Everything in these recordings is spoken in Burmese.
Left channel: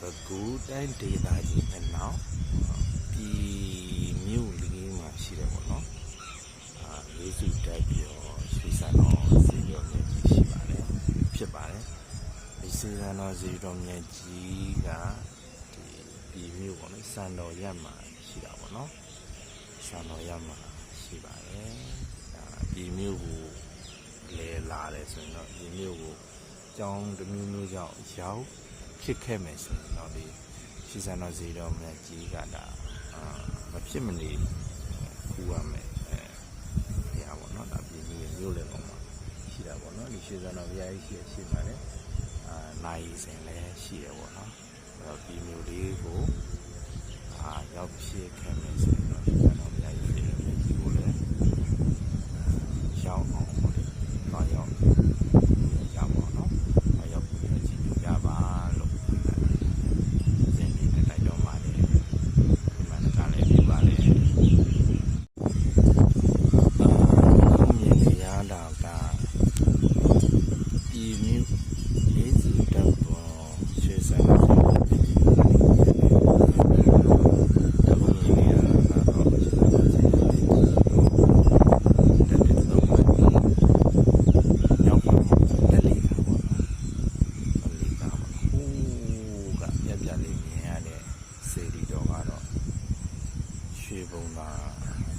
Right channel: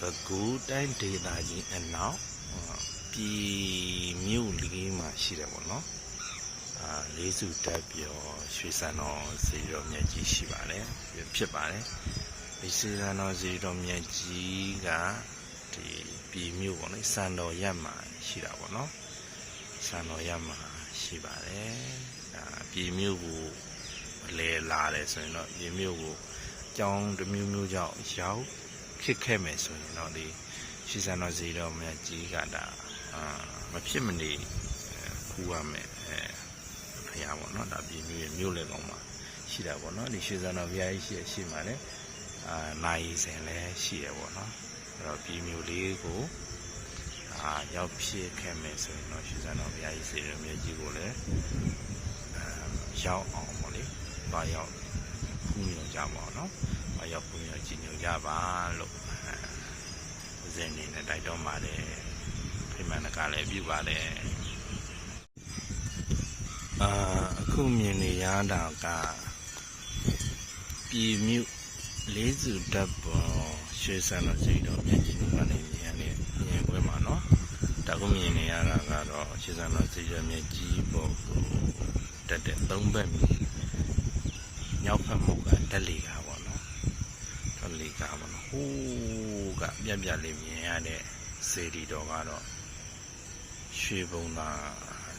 ဘကူတိုင်းဒေသကြီးအနောက်ပြည်မြို့လေးမှာရှိတယ်ပေါ့နော်အာလေးစုတက်ပြောရွှေစံတော်စေတော်မြတ်ကြီးရှိပါတယ်ဖြစ်ပါတယ်ဒီစေတော်စေတော်မြတ်ကြီးကဒီပြည်မြို့ပေါ့နော်စံတော်ရက်မှာရှိတာပေါ့နော်စံတော်ရက်မှာရှိပါတယ်ဒါပြည်မြို့ကိုလဲလာတယ်ဆိုရင်တော့ပြည်မြို့ကိုကြောင်းတစ်မျိုးမျိုးကြောင့်ရောက် ဖြစ်ခဲ့မယ်ဆိုရင်တော့ဒီရှီစံတော်စီတော်မြတ်ကြီးကဒါအာမဖြစ်မနေအဲခူရမယ်အဲဖရာပေါ့နော်ဒါပြည်မျိုးရဲ့မျိုးလေကောင်မှာရှိတာပေါ့နော်ဒီရှီစံတော်ဘုရားကြီးရှိရရှိမှလည်းအာနိုင်စဉ်လည်းရှိရပေါ့နော်အဲ့တော့ပြည်မျိုးလေးကိုအာရောက်ဖြစ်ခဲ့မယ်ဆိုရင်တော့ရှီစံတော်ဘုရားကြီးစေတော်မြတ်ကြီးကိုလည်းအဲရောက်အောင်ပေါ့လေတော့ရောက်ပူရောက်ကြပါတော့ မရောက်ဘူးရချင်ညူကြပါလို့ဇင်းနေနဲ့တိုက်တော်ပါတယ်ဖိမန်ကလည်းပြပါတယ်အာခုမြင်နေရတာက ပြည်မြို့လေးစုတပ်ပေါ်ရွှေစံတော်စိတ်တော်မြတ်ကြီးတို့ကနေပြန်နေရေဝင်မှာတော့တခုမြင်နေရတာကတော့ရွှေစံတော်စိတ်တော်မြတ်ကြီးကိုတက်တဲ့သုံးဘက်ညောက်ဖက်မှုကတက်လီကပေါ့နော်တော့လေကပါတော့ဟိုးကပြက်ပြက်လေးမြင်ရတဲ့စေတီတော်ကတော့ရွှေဘုံသာ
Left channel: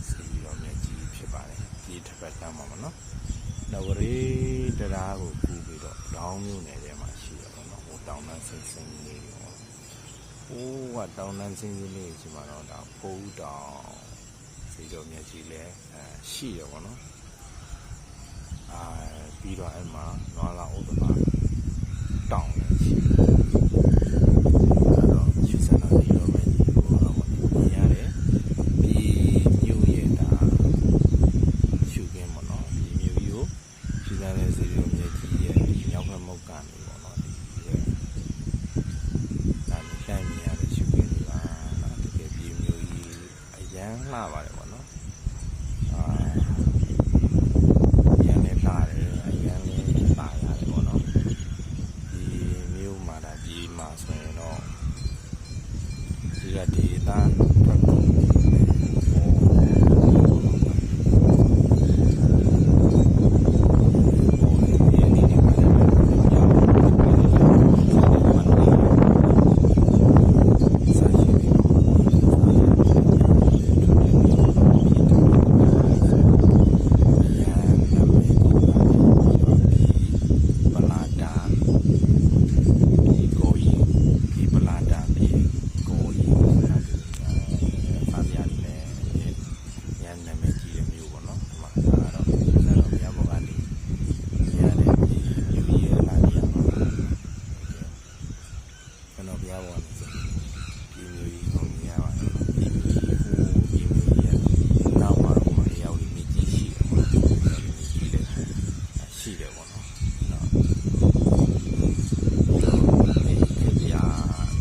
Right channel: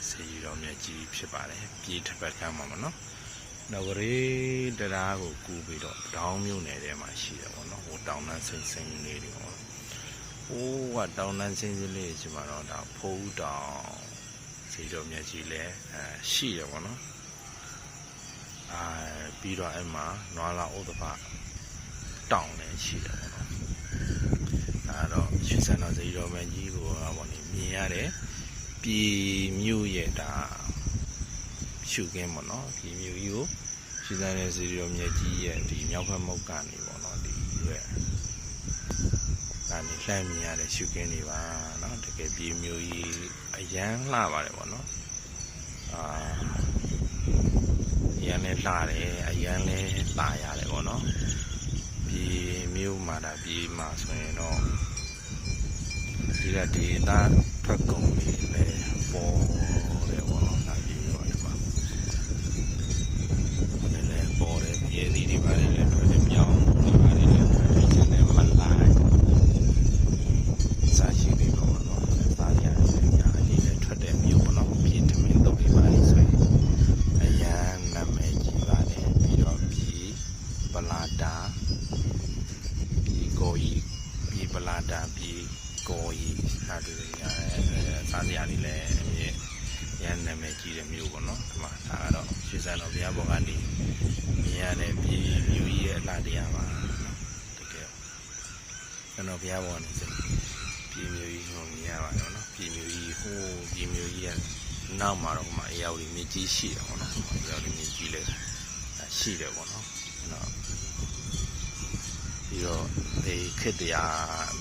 စေတီတော်မြတ်ကြီးဖြစ်ပါတယ်ပြည်တစ်ပတ်ကမ်းမှာမနော် နဝရီတရားကိုကူပြီးတော့တောင်းမြို့နယ်ထဲမှာရှိတယ်ပေါ့နော်ဟိုတောင်တန်းစိမ့်စိမ့်လေးတွေပေါ့ဟိုးကတောင်တန်းစိမ့်စိမ့်လေးရှိမှတော့ဒါဖိုးတောင်စေတီတော်မြတ်ကြီးလည်းအဲရှိတယ်ပေါ့နော်အာပြီးတော့အဲ့မှာနွားလာဥဒ္ဓဘာတောင်းလည်းရှိတယ်အဲ့တော့ရွှေစံတော်စီတော်မကြီးကိုဟောပေါ့ဒီမြင်ရတယ်ပြည်မြို့ရဲ့ဒါရှုခင်းပေါ့နော်ပြည်မြို့ကြီးကို ရွှေစံတော်စီတော်မြကြီးရဲ့ဒီမြောက်ဘက်မုတ်ကနေပေါ့နော်ဒီပဲဒါနေလှမ်းမြင်ရတဲ့ရှုခင်းတွေပါနော်တကယ်ပြည်မြို့ကြီးအရန်လှပါတယ်ပေါ့နော်အာအရန်လည်းလှတယ်အရန်လည်းလှရတယ်ပေါ့နော်ပြည်မျိုးမှာဒါပြည်မှာဆိုရင်တော့ဒီကဒေတာထွက်ကုန်ပြီပဲပေါ်ပေါ်တော့ဒါပြည်မျိုးတွေပါလည်းပေါ်တယ်ပြည်နေဒီမှာလည်းထွက်တယ်မြောင်းဒီမှာလည်းထွက်တယ်မှန်လာတယ်စားရှိပြီးတော့စားရတယ်ညာကြီးလည်းထွက်တယ်မြောင်းတော့ပြည်တမီတော့ပြပါလိမ့်ဆိုရင်အရန်နာမည်ကြီးပါတယ်ပြီးတော့ပြည်ပလာတာ ကိုကြီးဒီပလာတာပြီကိုကြီးဟာဒီရတယ်စားစရာတွေလည်းအမြဲရန်နာမည်ကြီးတဲ့မျိုးပေါ့နော်ဒီမှာဒါကတော့ရွှေစံတော်ဘုရားဘောကနေမြင်ရတဲ့ပြည်မျိုးကြီးရဲ့အလားတရားပါတကယ် ကျွန်တော်ဘုရားဘောကနေဆိုပြည်မျိုးကြီးကိုမြင်ရပါတယ်နော်ပြည်မျိုးကြီးဟိုပြည်မျိုးကြီးရဲ့နောက်မှာတော့ဟိုမှာအရာကြီးမြကြီးရှိတယ်ပေါ့နော်အရာကြီးမြကြီးလည်းရှိတယ်ပေါ့နော်အဲ့တော့ ပြီးတော့ဒီခေတ္တရာ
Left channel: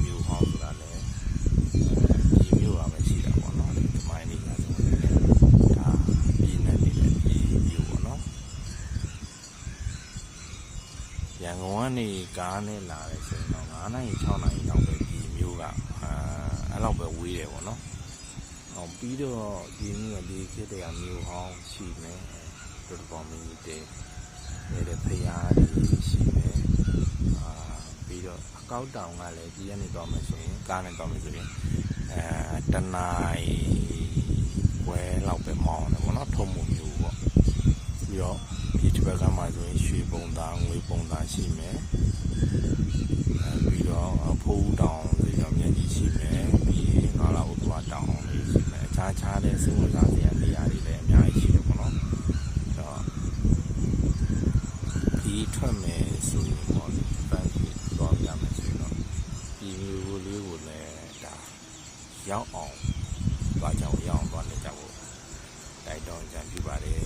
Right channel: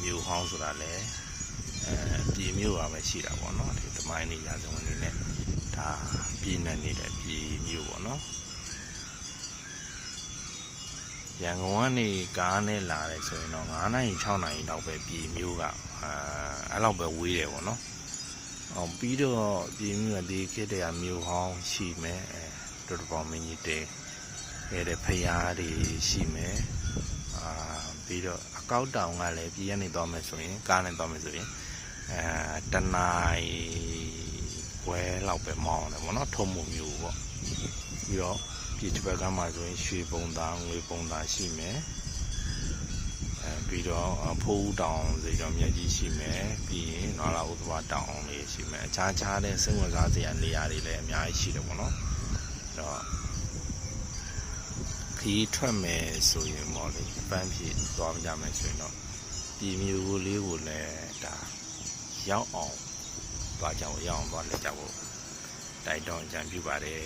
မြို့ဟောင်းဆိုတာလည်းအဲပြည်မြို့ပါပဲရှိတာပေါ့နော်ဒီသမိုင်းနေရာဇဝင်တွေနဲ့ဒါပြည်နယ်နေတဲ့ပြည်မြို့ပေါ့နော် ရန်ကုန်ကနေကားနဲ့လာတယ်ဆိုရင်တော့9နာရီ6နာရီလောက်ပဲပြည်မြို့ကအာအဲ့လောက်ပဲဝေးတယ်ပေါ့နော်အောင်ပြီးတော့ပြည်မြို့ကဒီခေတ္တရာမြို့ဟောင်းရှိမယ်အဲတော်တော်မင်းကြီးတဲရတဲ့ဖရားတွေရှိမယ်အာပြီးတော့အကောက်တောင်ကလည်းပြည်ရနေသွားမယ်ဆိုရင်ကားနဲ့သွားမယ်ဆိုရင်အဲတနာရီဝဲလောက်ပဲမောင်းတယ်ဗောနော်ထုံမှုမျိုးပေါ့ပြီးတော့ ဒီတစ်ဘက်ကမှဆိုရင်ရွှေပုံသားငွေပုံသားရှိမယ်အဲပြီးတော့ဖိုးတောင်စီတော်မြတ်ကြီးရှိမယ်ပြီးရင်နွားလာဥဒ္ဒဝတောင်လေးရှိမယ်အခြားခြားတဲ့စိတ်ဝင်စားစရာနေရာတွေလည်းအများကြီးရှိတယ်ဗောနော်အဲ့တော့ခီးထွက်မယ်ဆိုရင်ပေါ့လေအပန်းဖြေသွားကြမယ်ဆိုရင်တော့ဒီမျိုးကိုလေးကိုလည်းဒါရောက်အောင်သွားကြအောင်ရောက်အောင်သွားလဲကြဖို့တိုက်တော့ကြံပြပါတယ်